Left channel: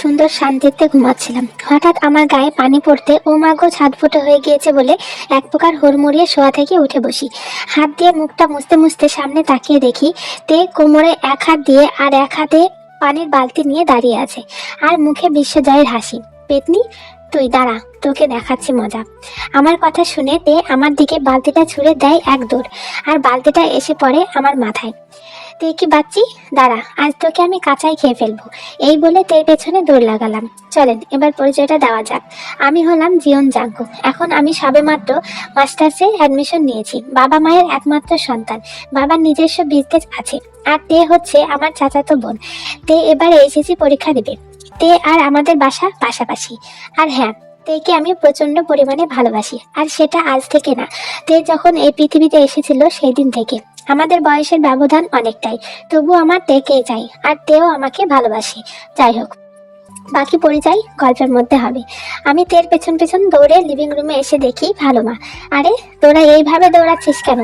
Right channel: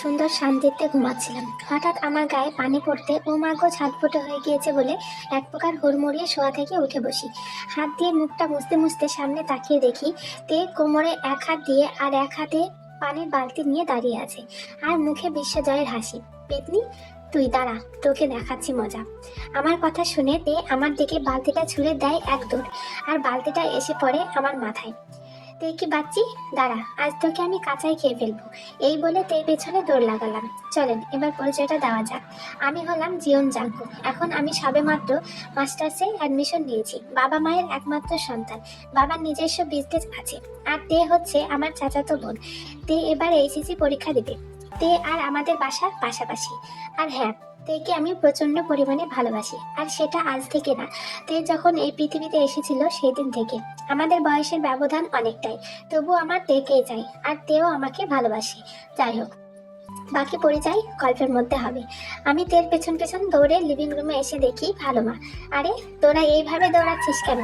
সুন্দর শান্তিতে ঘুমাচ্ছিলাম, হঠাৎ আমার গায়ে পানি পড়তে ও মা গো ছটফটে হয়ে গিয়েছে বলে এক প্রকার হুড়মুড়িয়ে শোয়া থেকে উঠে বসি। হাত দিয়ে মুখটা মুছতে মুছতে সামনে তাকিয়ে দেখি তে কোমরে এক হাত দিয়ে আর এক হাতে পানির বালতি নিয়ে দাঁড়িয়ে আছে, আর মুখে বিশ্বজয়ের হাসি। পেতনি, তুই দাঁড়া, তোকে দেখাচ্ছি মজা। আমার কথা শুনে তে আমার দিকে বালতিটা ছুঁড়ে দেয় এক দৌড়, আর বালতিটা এসে পড়ে আমার মাথায়। তুই কি বাচ্চি, দাঁড়া, আজ তোকে আমি কাঁচাই খেয়ে ফেলবো। এই বলে তের পেছনে দৌড় লাগালাম। চলেন এবার পরিচয়টা দেওয়া যাক। আমি হলাম জিয়ন জাংকুক। এখন আমি সবেমাত্র মাস্টার্সে অ্যাডমিশন নিয়েছি, বাবা মায়ের একমাত্র সন্তান। বাবার নিজস্ব বিজনেস আছে, আর তে হচ্ছে আমার চাচাতো বোন। তে এবারে এসএসসি পরীক্ষা দেবে। তে আর আমাদের বাসা পাশাপাশি। আর হ্যাঁ, তেকে আমি প্রচন্ড পরিমাণে ভালোবাসি, আর সেটা আজ থেকে না, তে যখন এই পৃথিবীতে এসেছিল সেই দিন থেকে। আমাদের বয়সের ব্যবধান অনেকটাই, তবু আমার তেকেই চাই, আর তেও আমাকে ভালোবাসে। যাই হোক, বাকি পরিচয় গল্পের মধ্যে হবে। আমি তের পেছন পেছন দৌড়ে লিভিং রুমে এসে দেখি ভালো মা। আরে তোরা এইভাবে দৌড়াচ্ছিস কেন?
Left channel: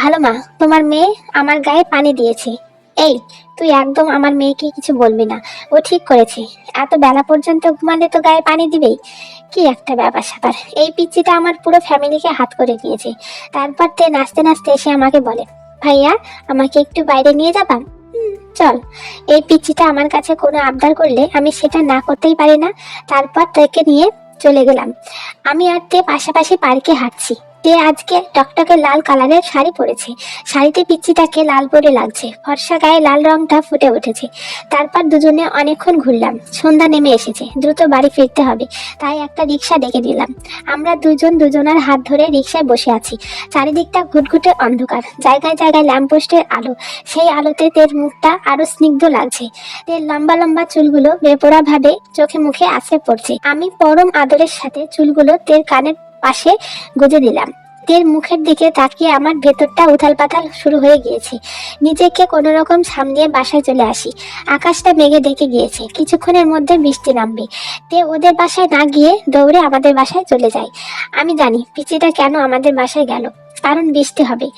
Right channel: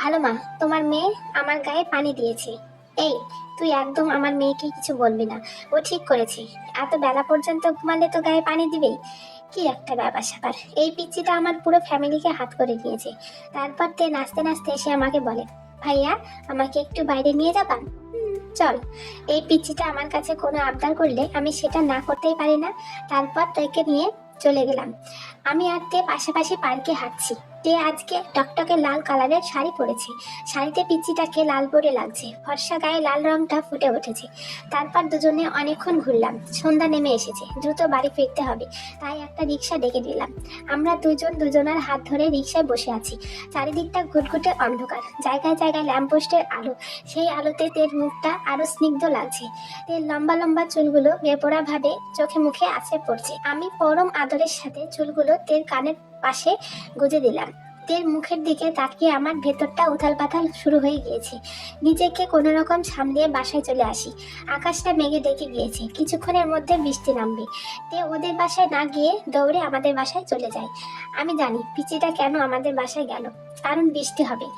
ভালো মা, তোমার মেয়ে আমার গায়ে পানি দিয়েছে। এই, তুই একদম আমার মেয়েকে কিছু বলবি না, ও ঠিক করেছে। এত বেলা পর্যন্ত ঘুমালে তো গায়ে পানি দিবেই। কি একটা ব্যাপার স্যাপার, এই পিচ্চিটা আমার পুরো ফ্যামিলিকে হাত করে নিয়েছে। তারপর তে নাচতে নাচতে এসে আমাকে বলে, ভাইয়া আমাকে একটু বাইরে নিয়ে যাবা? চল। এই পিচ্চিটা আমার কাছে কোনো আবদার করলে আমি সেটা না করতেই পারি না। তারপর তাকে নিয়ে চলে গেলাম। আমি আর তে পাশাপাশি পার্কে হাঁটছি। তে আজকে টকটকে লাল কালারের শাড়ি পরেছে, শাড়িতে পিচ্চিটাকে লাল পরে লাগছে, ফর্সা গায়ে লাল রংটা ফুটে উঠেছে। তারপর দুজনে অনেকক্ষণ ঘুরলাম। সন্ধ্যা নেমে এসেছে, দ্রুত বাড়ি ফিরতে হবে, তাই একটা রিক্সা ডেকে দিলাম। আমরা দুজন দুজনার হাত ধরে রিক্সায় বসে আছি। চারিদিকটা ঘুটঘুটে অন্ধকার, জায়গায় জায়গায় ল্যাম্পপোস্টের আলো। সেই আলোতে তের মুখটা আরো স্নিগ্ধ লাগছে। তের লম্বা লম্বা চুলগুলো বেপরা ভাবে চোখে মুখে আছড়ে পড়ছে। আমি পরম আদরের সাথে চুলগুলো তের কানের পাশে গুজে দিলাম। তের মুখের দিকে তাকিয়ে আমার ভেতরটা উথাল পাতাল শুরু হয়ে গিয়েছে। নিজেকে কোনো রকম সামলিয়ে বাসায় চলে আসি। আকাশটা মেঘে ডেকে গিয়েছে, কিছুক্ষণের মধ্যে বৃষ্টি নামবে। তে ওদের বাসায় না গিয়ে দৌড়ে আমাদের বাসায় চলে যায়। আমি জানি পিচিটা কেন আমাদের বাসায় গেল, কারণ বৃষ্টি হবে,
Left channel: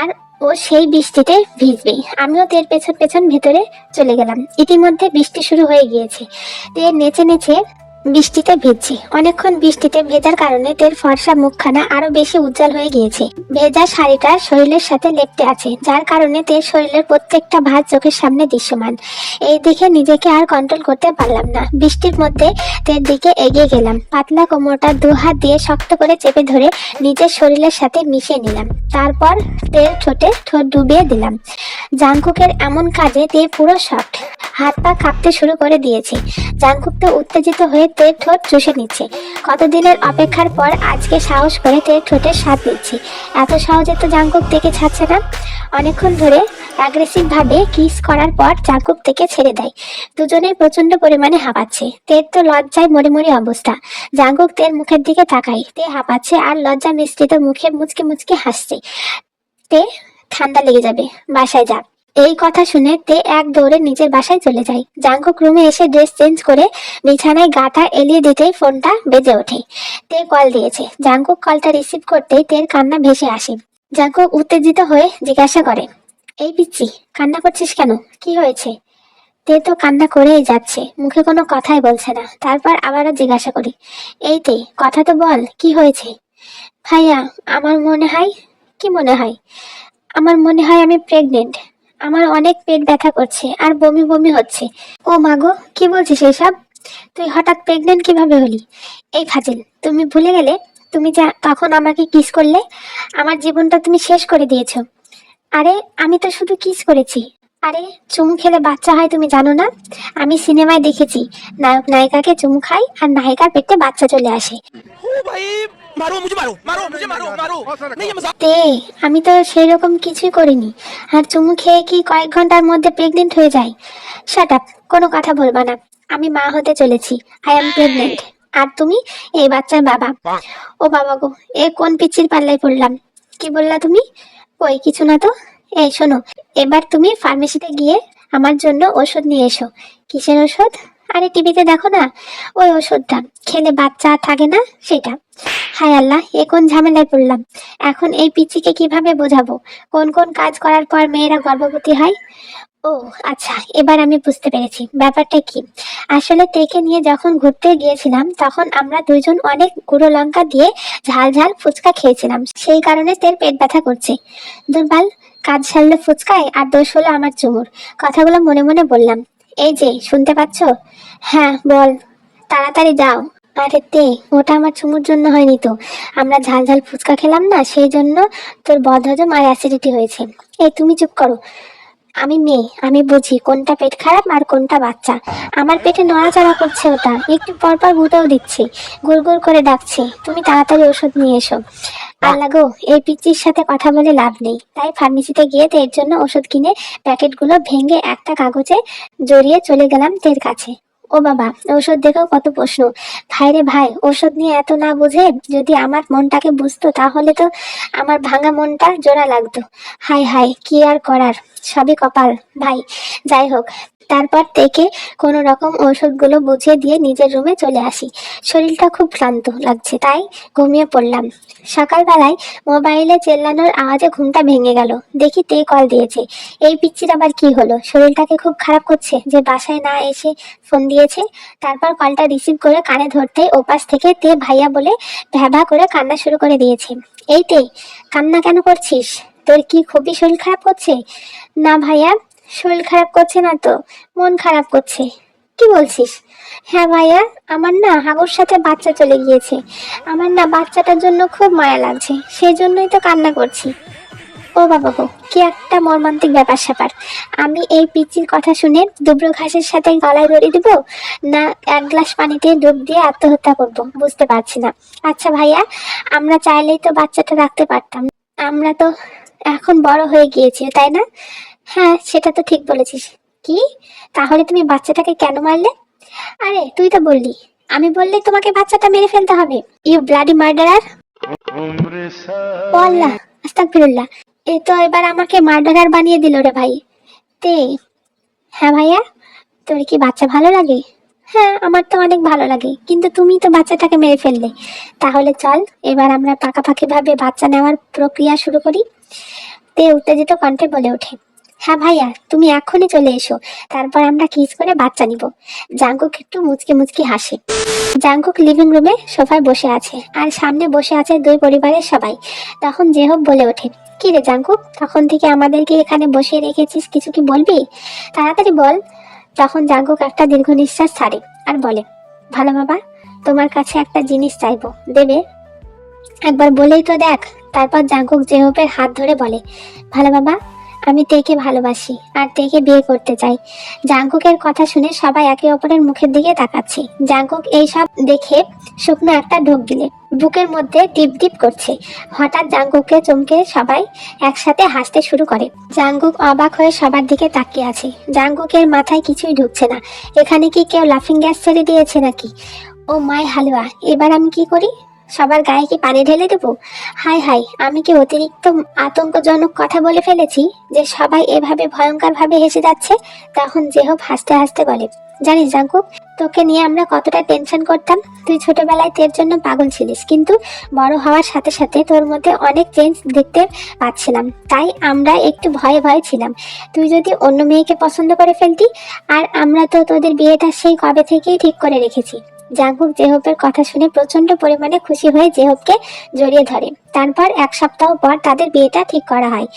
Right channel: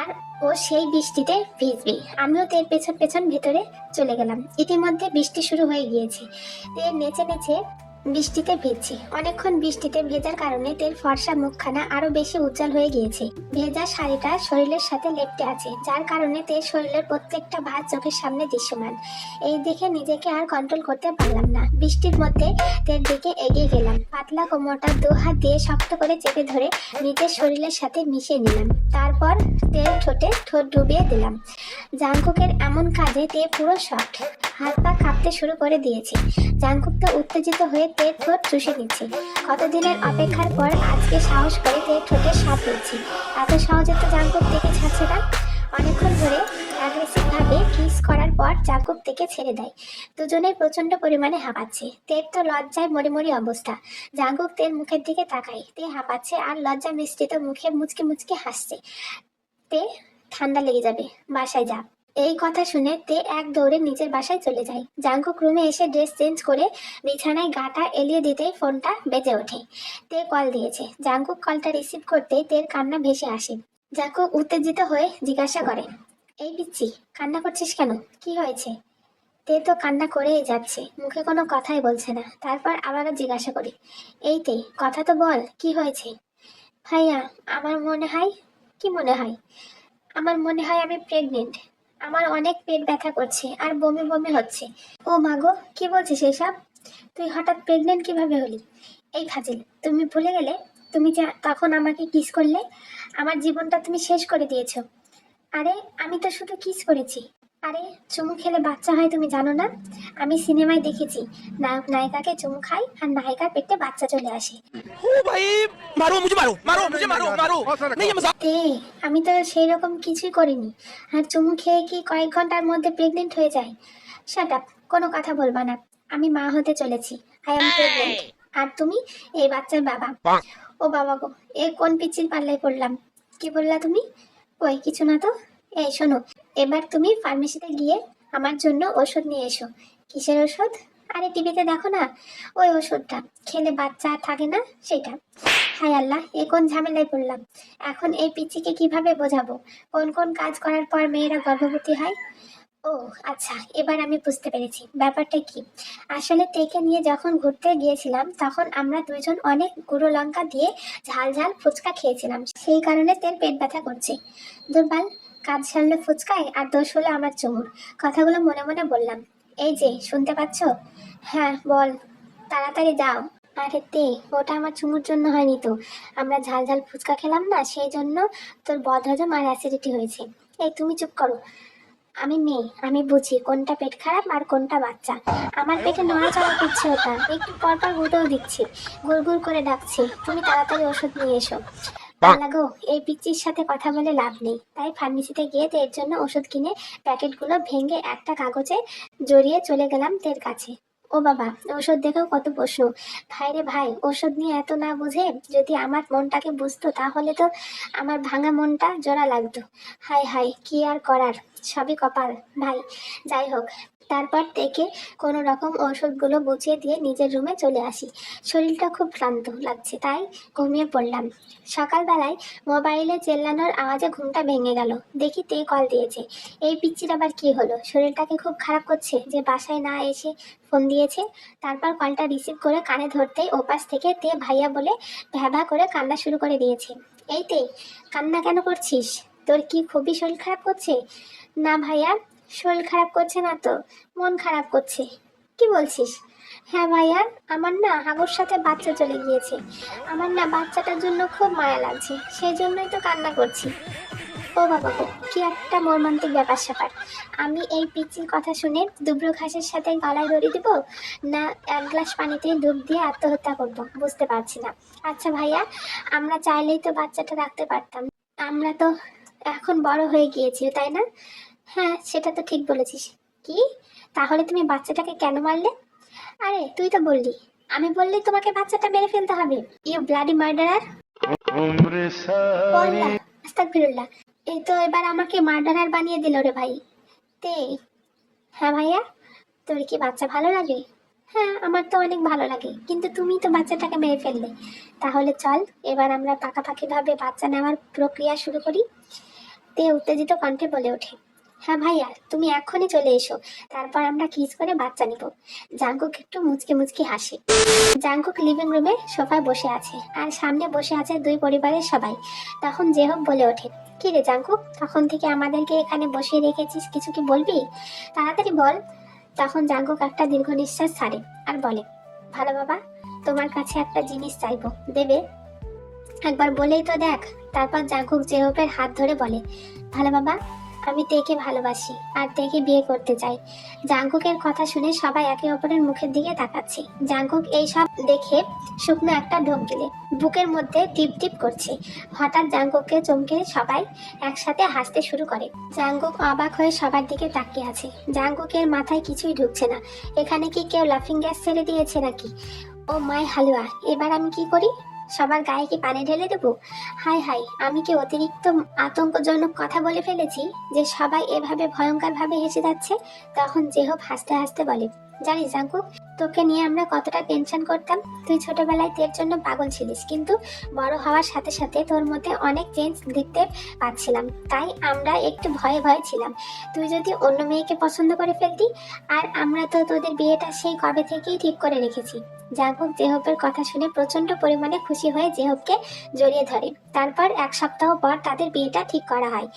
আর ও সেই বৃষ্টিতে ভিজবে। আমিও তের পেছন পেছন ভেতরে চলে গেলাম। ইতিমধ্যে বৃষ্টি শুরু হয়ে গিয়েছে। তে নেচে নেচে বৃষ্টিতে ভিজছে। অনেকক্ষণ বৃষ্টিতে ভেজার কারণে তের ফর্সা মুখখানা আরো বেশি উজ্জ্বল হয়ে গিয়েছে। ভেজা শাড়িটা শরীরের সাথে লেপ্টে আছে, যার কারণে তের শরীরের প্রত্যেকটা ভাঁজ চোখের সামনে দৃশ্যমান। এই দেখে নিজেকে আর কন্ট্রোল করতে পারলাম না। বৃষ্টির মধ্যে তের দিকে এগিয়ে গেলাম। পাতলা কোমরটা দু হাত দিয়ে শক্ত করে চেপে ধরে নিজের শরীরের সাথে মিশিয়ে নিলাম। তারপর তের ঠোঁটে ঠোঁট ডুবিয়ে দিলাম। জাংকুকের এমন কাজে তে পুরো শক্ট, হাত পা কাঁপতে শুরু করে দিয়েছে। জাংকুক তো উত্তেজিত হয়ে তের ঠোঁট চুষে নিচ্ছে। কতদিনের অপেক্ষার পর আজকে সাহস করে তের ঠোঁটের স্বাদ দিচ্ছে। এত সহজে তো জাংকুক থেকে ছাড়ছে না। অনেকক্ষণ ধরে অ্যাগ্রেসিভ ভাবে কিস করার পর জাংকুক থেকে ছেড়ে দেয়। দুজনে প্রচন্ড পরিমাণে হাঁপাচ্ছে। তের তো লজ্জায় মরে মরে অবস্থা। জাংকুক তের মুখের দিকে তাকায়, তে হাঁপাচ্ছে আর লজ্জা মিশ্রিত মুখে মুচকে মুচকে হাসছে। তে, ঠান্ডা লেগে যাবে, বাসায় যা। এই কথা শুনে তে এক দৌড়ে নিজের বাসায় চলে যায়। জাংকুক রুমে এসে ড্রেস চেঞ্জ করে বিছানায় গাটা এলিয়ে দিতেই ফোনটা বেজে ওঠে। তে কল দিয়েছে। জাংকুক কলটা রিসিভ করতেই তের কান্না ভেসে আসে। জাংকুক উত্তেজিত হয়ে জিজ্ঞাসা করে, এই পিচ্চি, কান্না করছিস কেন, কি হয়েছে? তে তো কান্না করেই যাচ্ছে, মুখে কোনো কথাই বলছে না। তারপর আবারও জিজ্ঞাসা করি, এই তে, কথা তো বল, কি হয়েছে? ভাইয়া, আমার মনে হয়, কি মনে হয়? আমার মনে হয় আমি প্রেগনেন্ট। আমার অনেক পেট ব্যথা করছে আর বমি বমি হচ্ছে। ও মাগো, কি বলছিস এসব? তুই হঠাৎ প্রেগনেন্ট কিভাবে হলি? এই ফাজিল, তুমি ভুলে গেলে তুমি যা তখন আমাকে কিস করলে? আমার জীবনটা তুমি শেষ করে দিয়েছো। আরে আমি তো শুধু কিস করেছি। আরে চুমু খেলে বাচ্চা হয় তুমি জানো না? আমি সিনেমায় দেখেছি, নায়ক নায়িকাকে চুমু খায় আর নায়িকার পেটে বাচ্চা চলে আসে। ओ भाई, मारो मुझे, मारो मारो मुझे, मारो मारो। नहीं ये मजाक। তে, আমি তো সেই রকম কিছুই করিনি। আর চুমু খেয়ে কি কয়েক ঘন্টার মধ্যে প্রেগনেন্ট হয়ে যায়? শাট আপ, কোনো কথা বলবা না। আমি মা হতে চলেছি, আই এম প্রেগনেন্ট। আর তুমি এই বাচ্চার বাবা। ও বাবা গো, এ কোন পিচ্চির পাল্লায় পড়লাম? কি বললা তুমি? কই কিছু না তো। এই শোনো, এবার তুমি ফার্মেসিতে গিয়ে আমার জন্য ওষুধ নিয়ে এসো। কিসের ওষুধ? আরে টিভিতে দেখো না, ওই ওষুধটা খেলে বাচ্চা আর থাকে না, সেটা। হায় আল্লাহ, এ কোন ঝামেলায় পড়লাম। এখন এই পিচ্চিকে কিভাবে বোঝাবো কোন কোন কাজ করার পর মেয়েরা গর্ভবতী হয়? ও আচ্ছা, এবার আমি বুঝতে পেরেছি ব্যাপারটা কি। আসলে তেকে নিয়ে যখন ঘুরতে গিয়েছিলাম তখন আমরা দুইজন অনেক গুঁড়ো লঙ্কা দিয়ে ঝাল ঝাল ফুচকা খেয়েছিলাম, সেই কারণে তের পেট ব্যথা করছে। দুর্বল, কাজ সারলো ফুচকায় আর দোষ হলো আমার চুমুর। কথাগুলো মনে মনে বললাম। এই যে শুনতে পাচ্ছ? হ্যাঁ বল, তাড়াতাড়ি যাও। আরে তে, ওটা আমার চুমুর জন্য হয়নি তো, আমরা ঝাল ঝাল ফুচকা খেলাম না, সেই জন্য তোর বদহজম আর অ্যাসিডিটি হয়েছে। এই তুমি চুপ করো, আমি মেয়ে, আমি বুঝি কোনটা পেট খারাপ আর কোনটা বাচ্চা। আমার পেটে নড়াচড়া করছে, ওটা একটু পর পর গুঁতেও দিচ্ছে, গুড় করে ডাকছে। তুমি তাড়াতাড়ি ওষুধ নিয়ে এসো। আল্লাহ গো, এই পিচ্চির সাথে কথা বলে লাভ নেই, তাই ফার্মেসিতে গিয়ে তের জন্য ওষুধ কিনে প্যাকেটগুলো ভেঙে একটা কাগজে জড়িয়ে চলে গেলাম তের কাছে। ও বাবা, ওষুধ দেখেও কত প্রশ্ন। ভাই রে ভাই, ওষুধ নিয়ে এত না বুঝে যদি আমার মনটাকে বুঝতো তাহলে তো আমার ভাঙা মনটা জোড়া লাগতো। হাই হাই, কি আর করার, সবই কপাল ভাই। যাই হোক, তারপর থেকে কোনো রকম ওষুধগুলো বুঝিয়ে দিয়ে নিজের রুমে চলে আসি। শরীরটা খুব ক্লান্ত লাগছে, তাই ঘুমিয়ে পড়লাম। সকালবেলায় মোবাইলে চেল্লানোর আওয়াজে ঘুমটা ভেঙে গেল। দেখি তে কল দিয়েছে। এই পিচ্চির আবার কি হলো? শরীরটাকে খুব খারাপ করছে যে বাসায় না এসে ফোন দিয়েছে। তারপর কলটা রিসিভ করে কানে ধরতেই ওপাশ থেকে তে ভাইয়া বলে ভ্যাভা করে কান্না শুরু করে দিয়েছে। এই তে, কান্না কেন করছিস? তোর কি খুবই শরীর খারাপ করছে? না ভাইয়া, শরীর খারাপ করছে না তো, মন খারাপ করছে। কি বলছিস? হ্যাঁ ভাইয়া, আমার না হাগুর সাথে বাচ্চা চলে গিয়েছে। আমার না বাচ্চাটার জন্য খুব মায়া লাগছে, সেই জন্যই তো কান্না করছি। ও বাবা গো, কি একটা মর্মান্তিক ব্যাপার স্যাপার। আমি এই পিচ্চির কথা শুনে দুব্র ঘাসের সাথে গলায় দড়ি দিব, না এক গ্লাস পানিতে ডুব দিয়ে আত্মহত্যা করব, বুঝতে পারছি না। আচ্ছা ভাইয়া, আমরা চাইলেই তো বাচ্চাটা রাখতে পারতাম, আমরা তো এখন বড় হয়ে গিয়েছি, তাই না? হ্যাঁ, সেটা তো ঠিক বলেছিস। কি, তাহলে তুমি বাচ্চাটাকে কেন মারলে? আরে তুই তো বললি, আমি বললে তোমাকে বাচ্চাটা মেরে ফেলতে হবে। You bloody murderer! ও আল্লাহ, আস্তাগফিরুল্লাহ। এ তো এবার আমাকে মার্ডারার বানিয়ে দিল রে ভাই। তে, হ্যাঁ ভাইয়া, তোর কি বাচ্চা ভালো লাগে? হ্যাঁ, আমার তো অনেক ভালো লাগে, কিন্তু তুমি তো বাচ্চাটাকে মেরে ফেললে। তাহলে চল এবার আমরা পাকাপাকি ভাবে বাচ্চা নেওয়ার প্রক্রিয়া শুরু করি। তে উত্তেজিত কণ্ঠে বলে ওঠে। হ্যাঁ ভাইয়া, তুমি এক্ষুনি চলে এসো, তারপর আমরা কিস করে বাচ্চা নিব। জাঙ্কুক একটু মুচকে মুচকি হাসে। জাঙ্কুক লিভিং রুমে সোফায় বসে আছে আর সামনে বসে আছে দুই পরিবারের সবাই। তখন জেহব বলে ওঠে, কি রে জাঙ্কুক, তখন থেকে আমাদেরকে এখানে বসিয়ে রেখেছিস, কিছু কি বলবি? তাড়াতাড়ি বল। তখন জাঙ্কুক একটা দীর্ঘ নিঃশ্বাস ছাড়ে আর বলে, ভালো বাবা, তোমার কাছে একটা জিনিস চাইবো, দেবে? একবার বলেই তো দেখ। তারপর জাঙ্কুক জেহবের হাত ধরে বলে, ভালো বাবা, আমি তেকে ভালোবাসি আর তেকে বিয়ে করতে চাই। জাঙ্কুকের কথা শুনে সবাই একে অপরের মুখের দিকে তাকাচ্ছে। জাঙ্কুক এই সব দেখে শুকনো একটা ঢোক দিলে বুকের মধ্যে টিপ টিপ করছে। হঠাৎ জাঙ্কুককে চমকে সবাই একসাথে হাসতে শুরু করে। জাঙ্কুক অবাক হয়ে সবার দিকে তাকিয়ে আছে। জাঙ্কুকের মাথায় কিছুই ঢুকছে না। এখানে কি কেউ লাফিং গ্যাস ছেড়ে দিয়েছে নাকি? ও মাই হালুয়া, এবার আমি কি করি? সবার গায়ে কি পানি ঢেলে দেবো? হাই হাই, আমি কি অতিরিক্ত আতঙ্কজনক কথা বলে ফেলেছি যে সবাই এভাবে ভয়ঙ্কর ভাবে হেসে যাচ্ছে? তখন জেহব হাসতে হাসতে বলে, জানিস জাঙ্কুক, তোকে নিয়ে আমরা কতটা টেনশন করতাম। তুই ছোটবেলায় তোর জন্য পাগল ছিলিস, কিন্তু বড় হওয়ার সাথে সাথে তোর মধ্যে অনেক চেঞ্জ দেখতে পাচ্ছিলাম, তাই আমরা একটু ভয়ে ভয়ে ছিলাম তুই যদি অন্য মেয়েকে পছন্দ করে ফেলতি। আর আমরা তো তোদের বিয়েটা সেই কবে থেকেই ঠিক করে রেখেছি। জাঙ্কুক জেহবের কথা শুনে প্রচন্ড পরিমাণে খুশি হয়ে জেহবকে জড়িয়ে ধরে। তারপর এক সপ্তাহ পর তাদের বিয়েটা ঠিক করা হয়।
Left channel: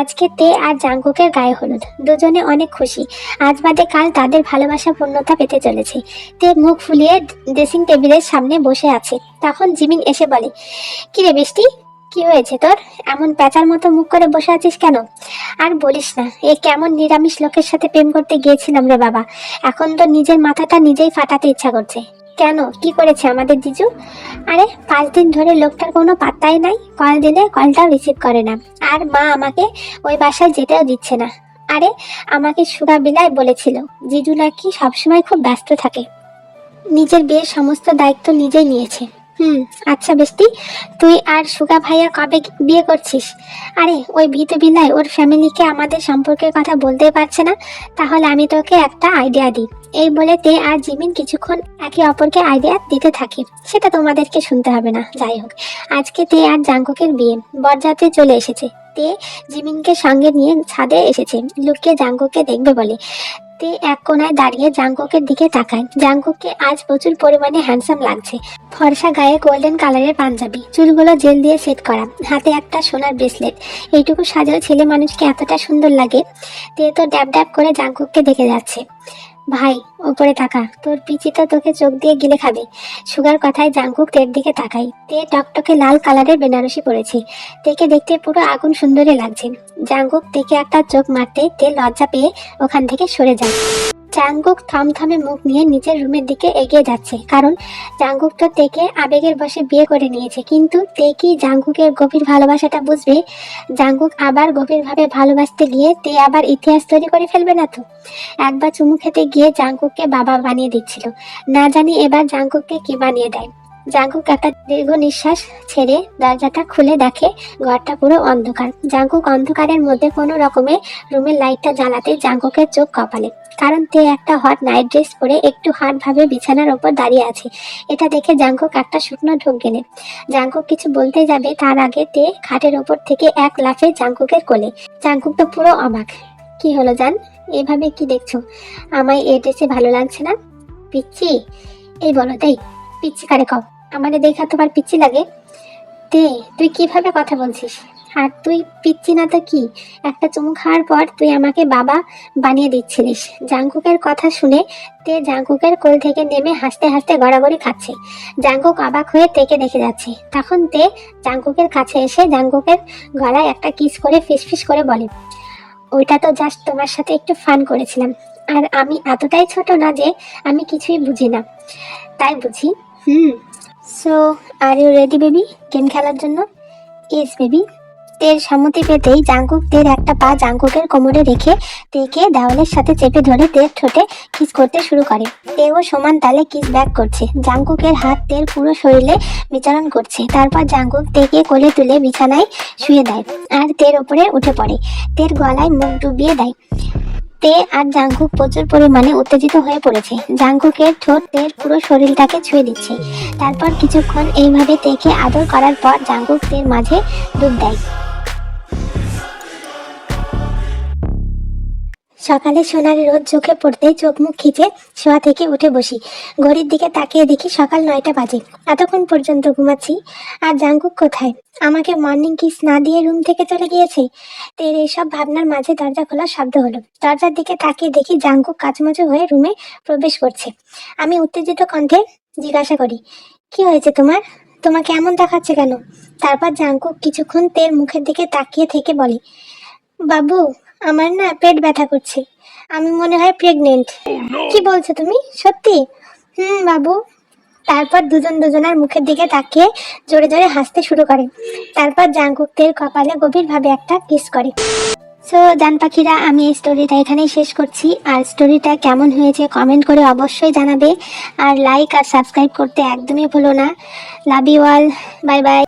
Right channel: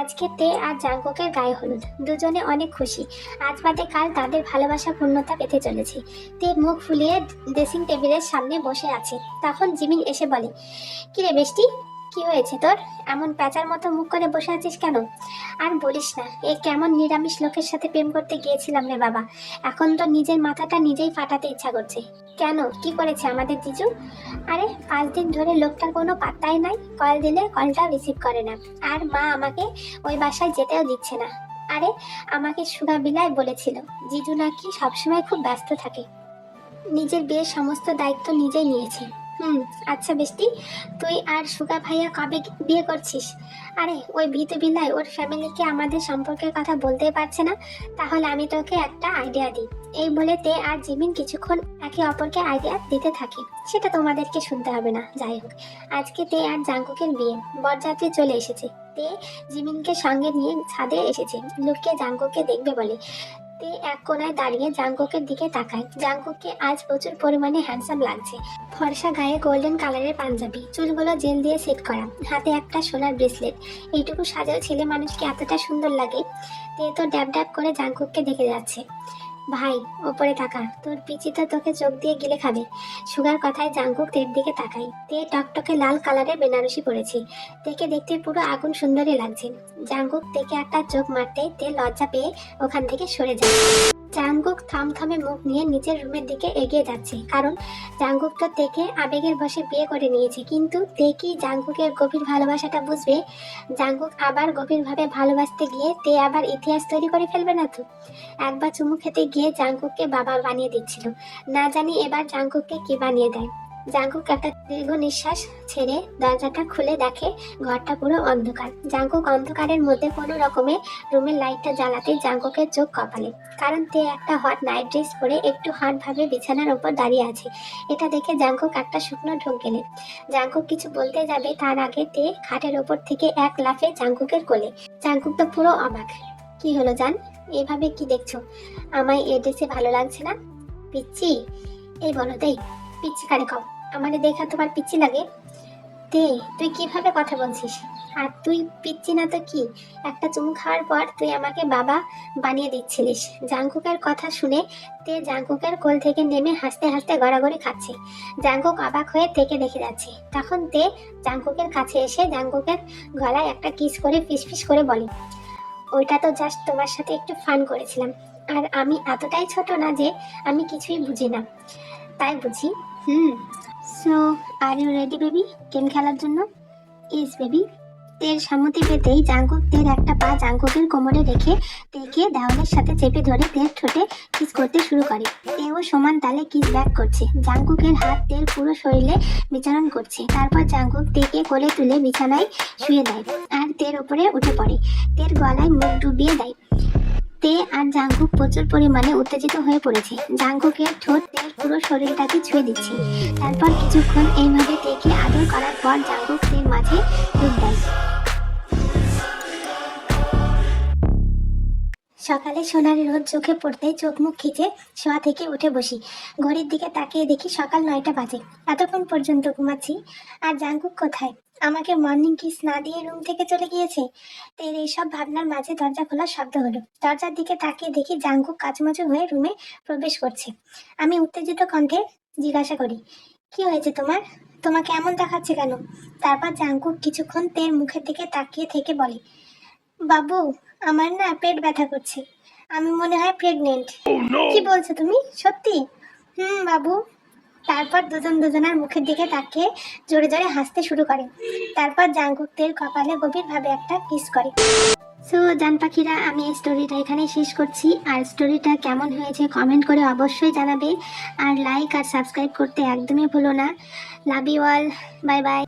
আজকে তে আর জাঙ্কুকের গায়ে হলুদ, দুজনে অনেক খুশি। আজ বাদে কাল তাদের ভালোবাসা পূর্ণতা পেতে চলেছে। তে মুখ ফুলিয়ে ড্রেসিং টেবিলের সামনে বসে আছে। তখন জিমিন এসে বলে, কি রে বৃষ্টি, কি হয়েছে তোর? এমন প্যাঁচার মতো মুখ করে বসে আছিস কেন? আর বলিস না, এ কেমন নিরামিষ লোকের সাথে প্রেম করতে গিয়েছিলাম রে বাবা, এখন তো নিজের মাথাটা নিজেই ফাটাতে ইচ্ছা করছে। কেন, কি করেছে আমাদের জিজু? আরে 5 দিন ধরে লোকটার কোনো পাত্তাই নাই, কল দিলে কলটাও রিসিভ করে না, আর মা আমাকে ওই বাসায় যেতেও দিচ্ছে না। আরে আমাকে সুগা বিলায় বলেছিল জিজু নাকি সবসময় খুব ব্যস্ত থাকে, নিজের বিয়ের সমস্ত দায়িত্ব নিজেই নিয়েছে। আচ্ছা বেস্টি, তুই আর সুগা ভাইয়া কবে বিয়ে করছিস? আরে ওই ভীতু বিলাই ওর ফ্যামিলিকে আমাদের সম্পর্কের কথা বলতেই পারছে না, তাহলে আমি তোকে একটা আইডিয়া দিই। এই বলে তে আর জিমিন কিছুক্ষণ একে অপরকে আইডিয়া দিতে থাকে, সেটা তোমাদেরকে শুনতে হবে না। যাই হোক, আজকে তে আর জাঙ্কুকের বিয়ে, বরযাত্রী চলে এসেছে। তে জিমিনকে সঙ্গে নিয়ে ছাদে এসেছে লুকিয়ে জাঙ্কুককে দেখবে বলে। তে এক কোনায় দাঁড়িয়ে জাঙ্কুকের দিকে তাকায়। জাঙ্কুককে আজ প্রচুর পরিমাণে হ্যান্ডসাম লাগছে। ফর্সা গায়ে গোল্ডেন কালারের পাঞ্জাবি, চুলগুলো জেল দিয়ে সেট করা, হাতে একটা সোনার ব্রেসলেট। এইটুকু সাজাও ছেলে মানুষকে এতটা সুন্দর লাগে। তে তো ড্যাব ড্যাব করে জাঙ্কুককে দেখে যাচ্ছে। ভাই ওপরে তাকা, তোর পিচি তো তোকে চোখ দিয়ে গিলে খাবে। সুগার কথায় জাঙ্কুক তের দিকে তাকাই। তে টকটকে লাল কালারের বেনারসি পরেছে। তেকে দেখতে পুরো আগুন সুন্দরী লাগছে। জাঙ্কুক তেকে একটা চোখ মারতে তে লজ্জা পেয়ে ওখান থেকে সরে যায়। জাঙ্কুক থমথমে মুখ নিয়ে নিচের রুমের দিকে এগিয়ে যাচ্ছে, কারণ জাঙ্কুক তো তেকে আবেগের বশে বিয়ে করে নিয়েছে। কিন্তু তে কি জাঙ্কুকের গভীর ভালোবাসাটা বুঝবে? জাঙ্কুক আবার গভীরভাবে ভালোবাসতে গিয়ে তে আবার ইতিহাস তৈরি করে ফেলবে না তো? একবার চুমু খেতে গিয়ে জাঙ্কুককে বাবা বানিয়ে দিচ্ছিল, না জানি এবার জাঙ্কুককে কি বানিয়ে দেয়। জাঙ্কুক একটা দীর্ঘ নিঃশ্বাস ছেড়ে দরজাটা খুলে দেখে ঘরটা পুরো অন্ধকার। জাঙ্কুক অন্ধকারের মধ্যে কোনো রকমে রুমের লাইটটা জ্বালাতে জাঙ্কুকের চোখ কপালে, কারণ তে একটা হট নাইট ড্রেস পরে একটু হাট ভাবে বিছানার ওপর দাঁড়িয়ে আছে। এটা দেখে জাঙ্কুক একটা শুকনো ঢোক গেলে। জাঙ্কুক কিছু বলতে যাবে তার আগে তে খাটের ওপর থেকে এক লাফে জাঙ্কুকের কোলে। জাঙ্কুক তো পুরো অবাক। কি হলো জান, এভাবে কি দেখছো? আমায় এই ড্রেসে ভালো লাগছে না? পিচ্ছি? এই বলো তাই, পিচ্ছি কারে কও? আমারে দেখা তোমার পিচ্ছি লাগে? তে তুই কিভাবে কথা বলছিস? আর তুই পিচ্ছি না তো কি? একটা চুমু খাওয়ার পর তুই আমাকে বাবা বানিয়ে দিচ্ছিলিস। জাঙ্কুকের কথা শুনে তে জাঙ্কুকের কোল থেকে নেমে হাসতে হাসতে গড়াগড়ি খাচ্ছে। জাঙ্কুক অবাক হয়ে তেকে দেখে যাচ্ছে। তখন তে জাঙ্কুকের কাছে এসে জাঙ্কুকের গলায় একটা কিস করে ফিসফিস করে বলে, ওইটা তো জাস্ট তোমার সাথে একটু ফান করেছিলাম। আর আমি এতটাই ছোট না যে আমি কিছুই বুঝি না, তাই বুঝি। So are you ready baby game খেলার জন্য? Yes baby. তের সম্মতি পেতেই জাঙ্কুক তের একটা পা জাঙ্কুকের কোমরে রেখে তেকে দেওয়ালের সাথে চেপে ধরে তের ঠোঁটে কিস করতে শুরু করে। তেও সমান তালে কিস ব্যাক করছে। জাঙ্কুকের হাত তের পুরো শরীরে বিচরণ করছে। তারপর জাঙ্কুক তেকে কোলে তুলে বিছানায় শুয়ে দেয় আর তের ওপরে উঠে পড়ে। তের গলায় মুখ ডুবিয়ে দেয়। তে আর জাঙ্কুক প্রচুর পরিমাণে উত্তেজিত হয়ে পড়েছে। জাঙ্কুকের ঠোঁট তের পুরো শরীরটাকে ছুঁয়ে দিচ্ছে। তারপর কিছুক্ষণ এইভাবে তেকে আদর করার পর জাঙ্কুক তের মাঝে ডুব দেয়। সকালে সোনার রোদ চোখে পড়তেই চোখ মুখ খিচে শোয়া থেকে উঠে বসি। ঘড়ির দিকে তাকিয়ে দেখি সকাল 9টা বাজে। এতক্ষণ পর্যন্ত ঘুমাচ্ছি, আর জাঙ্কুক কোথায়? আমাকে মর্নিং কিস না দিয়ে রুম থেকে চলে গিয়েছে। তের এসব ভাবনার মাঝে দরজা খোলার শব্দ হলো। দরজার দিকে তাকিয়ে দেখি জাঙ্কুক কাচমাচু হয়ে রুমে প্রবেশ করছে। আমি উত্তেজিত কণ্ঠে জিজ্ঞাসা করি, কি হয়েছে তোমার? তোমাকে এমন দেখাচ্ছে কেন? তারপর জাঙ্কুক কিছুক্ষণ তের মুখের দিকে তাকিয়ে থেকে বলে, বাবু আমার না পেট ব্যথা করছে, আমি মনে হয় প্রেগনেন্ট। কি বলছো তুমি, সত্যি? বাবু। তারপর দুজন দুজনার মুখের দিকে তাকিয়ে জোরে জোরে হাসতে শুরু করে। তারপর জাঙ্কুক তের কপালে গভীরভাবে একটা কিস করে। সো জান পাখিরা, আমি এই স্টোরিটা এখানেই শেষ করছি। আর স্টোরিটা কেমন হয়েছে কমেন্ট করে অবশ্যই জানাবে। আর লাইক আর সাবস্ক্রাইব করতে একদমই ভুলো না। Love you all, bye by.